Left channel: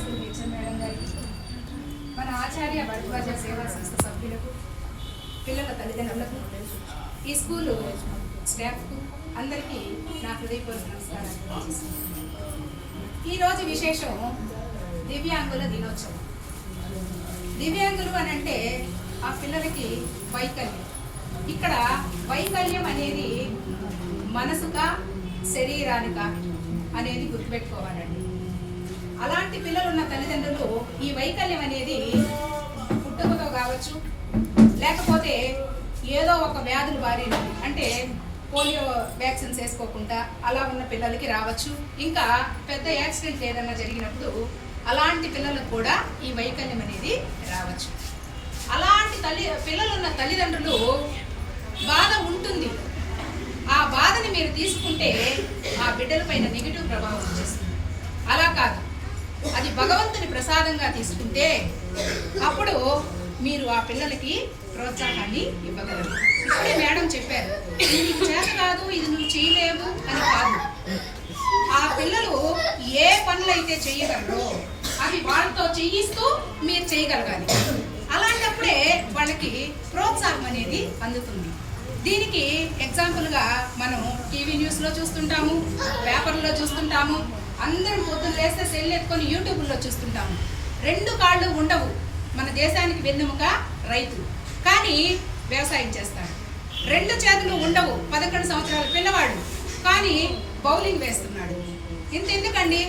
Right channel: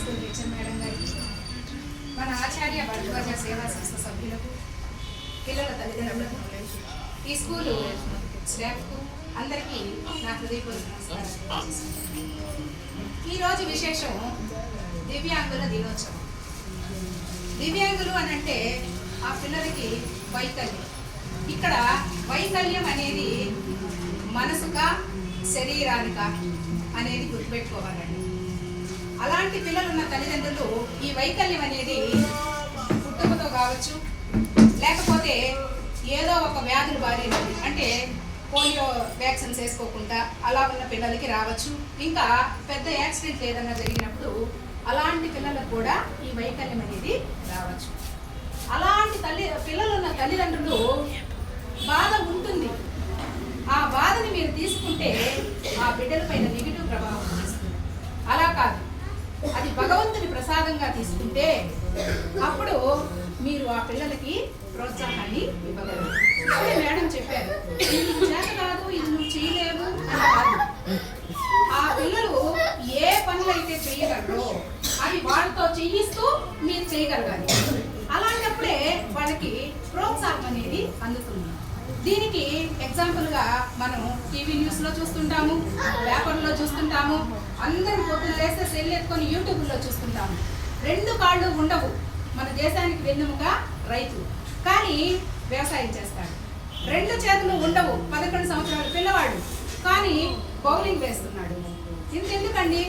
School teacher madam గారికి, మన ఆచార్య భరద్వాజ సేవా సంస్థ సభ్యులకు, పిల్లల తల్లిదండ్రులకు, ఈ స్కూలు స్టాఫ్కు అందరికీ నా హృదయపూర్వక నమస్కారం. ఈరోజు విశేషం దివ్యాంగుల దినోత్సవం. దివ్యాంగులు అని అంటే ఆ పిల్లలకి వైకల్యం. ఇక్కడ వైకల్యం అనేది మనసుగా శరీరానిక అనేది గుర్తుపెట్టుకోవాలండి. అలాంటి పిల్లలు ఉన్న తల్లిదండ్రులు ఈ వైకల్యం అనేది పుట్టుకతో కావచ్చు, లేకపోతే ఏదో ఒక వ్యాధులు బారిన అంటే పోలియో వ్యాక్సిన్స్ వేసుకోకుండా అలా ఉన్న పిల్లలకి రావచ్చు. ఇంకా పెద్ద యాక్సిడెంట్ ఏదైనా జరిగినప్పుడు అలాంటి పిల్లలకు కూడా ఈ వైకల్యం అనేది రావచ్చు. అలాంటి పిల్లలు ఉన్న తల్లిదండ్రులు బాధ ఉంటుంది. ఆ బాధని మీరు తీసుకుంటే ఆ బిడ్డల పైన నెగిటివ్ ప్రభావం చేస్తుంది. అలా కాదు, అది భగవంతుని ప్రసాదంగా తీసుకుంటే అప్పుడు మీరు ఆ పిల్లలకి ప్రోత్సాహాన్ని ఇవ్వగలరు. ఇప్పుడే మేడం చెప్పారు, ఇది నీకు చేత కాదు, ఇది నువ్వు చేయలేవు అని కాదు. ఆ పిల్లలు ఏ పనులు అయితే చేయగలరో అవి వాళ్ళతో చేయిస్తూ మీరు చేయగలగాలి. అలాంటప్పుడే వాళ్ళకి ప్రోత్సాహం అనేది అందుతుంది. దీనికి ఎగ్జాంపుల్గా మనం టీవీ న్యూస్లో చూస్తుంటాము, పేపర్లో చూస్తుంటాము, అందరం పొద్దున్న లేస్తే సెల్ ఎత్తుకొని యూట్యూబ్లో చూస్తుంటాము. 2 కాళ్ళు ఉండవు. మన దేశానికి వెన్నెముక రైతు, కానీ వ్యవసాయం చేస్తాడు. 2 చేతులు ఉండవు. 11 సంవత్సరాల పిల్లవాడు, కానీ బౌలింగ్ వేస్తున్నాడు. ఎందుకండి?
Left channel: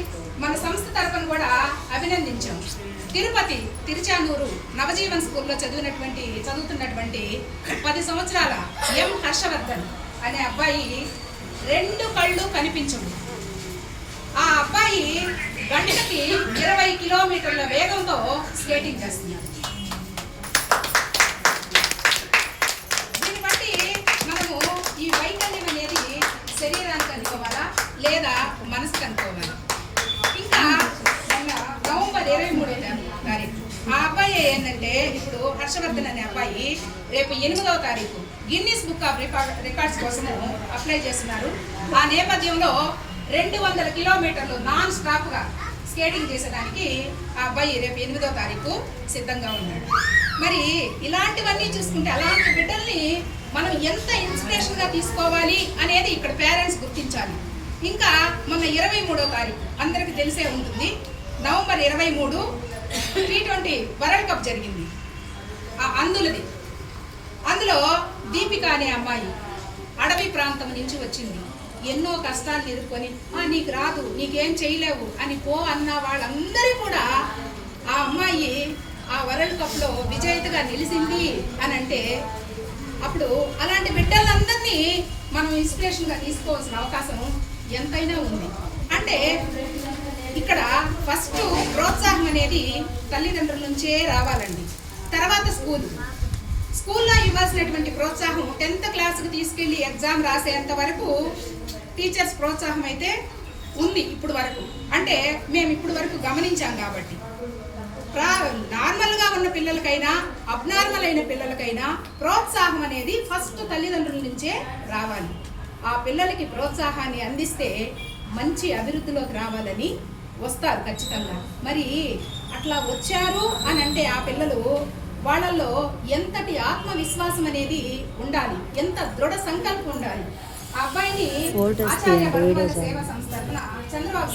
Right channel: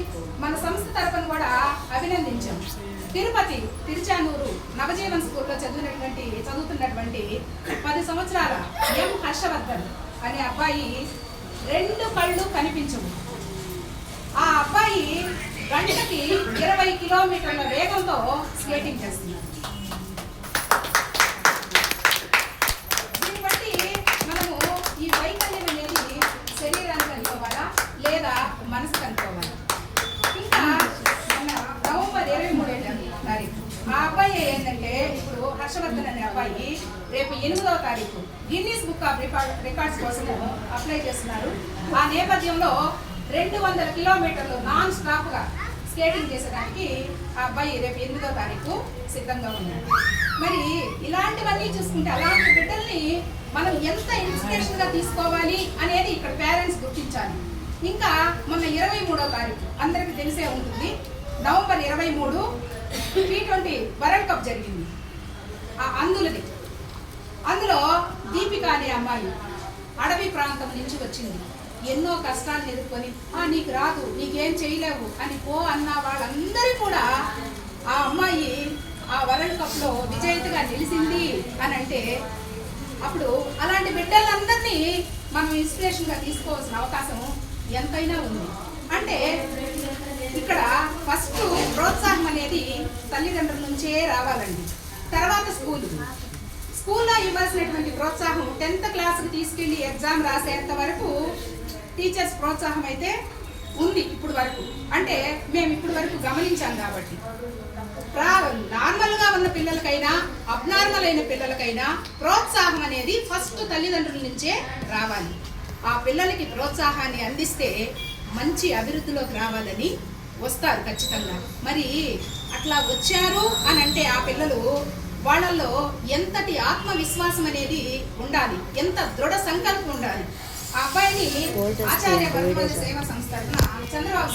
మన సంస్థ తరపున కూడా అభినందించాం. తిరుచానూరు నవజీవన్ స్కూల్లో చదువుతున్నటువంటి 10 సంవత్సరాల ఎం హర్షవర్ధన్ అనే అబ్బాయి 2 కళ్ళు కనిపించవు. ఆ అబ్బాయి గంటకి 20 కిలోమీటర్ల వేగంతో స్కేటింగ్ చేస్తున్నాడు. దీన్ని బట్టి మనము ఈ వైకల్యం అనేది శరీరానికి అనుకోవాలా లేదా మనసుకు అనుకోవాలా? ఇంకా మన నవంబర్ 23వ తారీఖు ఆ అబ్బాయి ఏంటంటే, ఇప్పుడు హర్షవర్ధన్ అనే అబ్బాయి రేపు 8వ తారీఖు గిన్నీస్ బుక్ ఆఫ్ రికార్డ్స్ కోసము అప్లై చేస్తున్నారు. ఆ నేపథ్యంలో 200 కిలోమీటర్లు నాన్ స్టాప్గా స్కేటింగ్ చేసేదానికి ఆ అబ్బాయి రేపు 8వ తారీఖు సిద్ధంగా ఉన్నాడు. మరి ఇలాంటివన్నీ చూసుకుంటే అలాంటి బిడ్డల్ని మనం ఎంత ఇన్స్పిరేషన్గా తీసుకోవాలి అనేది ఇక్కడ పేరెంట్స్ గుర్తించాలి. ఇంకా మొన్న 23వ తారీఖు అందరికీ తెలిసే ఉంటుంది, నవంబర్ 23 T20 వరల్డ్ కప్ జరిగింది. అందులో దీపిక అనే అమ్మాయి అడవి ప్రాంతం నుంచి వచ్చింది. ఎన్నో కష్టాలను ఎదుర్కొని నీకు రాదు, నీకేం చేయలేవు అని అన్న వాళ్ళందరూ కూడా ఆ అమ్మాయి ఆ వరల్డ్ కప్లో విజేతగా నిలిచింది అని అంటే, అప్పుడు అలాంటి బిడ్డలందరినీ మనం ఇన్స్పిరేషన్గా తీసుకోవాల్సిన అవకాశం ఎంతైనా ఉంది. అంటే ఇక్కడ ఫస్ట్ ప్రోత్సాహం అనేది తల్లిదండ్రుల నుంచే రావాలండి. తర్వాత స్కూల్లో ఇవ్వాల్సినటువంటి ప్రోత్సాహం 10th క్లాస్కి తీసుకెళ్ళి ఎగ్జామ్ రాసేంత వరకు టీచర్స్ ప్రోత్సాహం అయితే ఉంది ఇప్పుడు వరకు. అంటే మేము ఇప్పుడు వరకు గమనించాం కాబట్టి నార్మల్గా ఉన్న పిల్లలకైనా అబ్నార్మల్ అయిన పిల్లలకైనా ప్రోత్సాహం అనేది ఫస్ట్ తల్లిదండ్రుల నుంచే రావాలి. ఆ పిల్లలకి ప్రోత్సాహాన్ని అందిస్తే మంచి అభివృద్ధిలోకి రావాలని వస్తారు ఖచ్చితంగా. మరి అట్లా వచ్చారు అని అంటే ఆ పిల్లలు వాళ్ళల్లో ఎంతటి ఆత్మవిశ్వాసం అనేది ఉండాలి, ఎంత దృఢ సంకల్పం ఉండాలి. ఆ అబ్బాయిని ఆచార్య భరద్వాజ సేవా సంస్థ చంద్రబాబు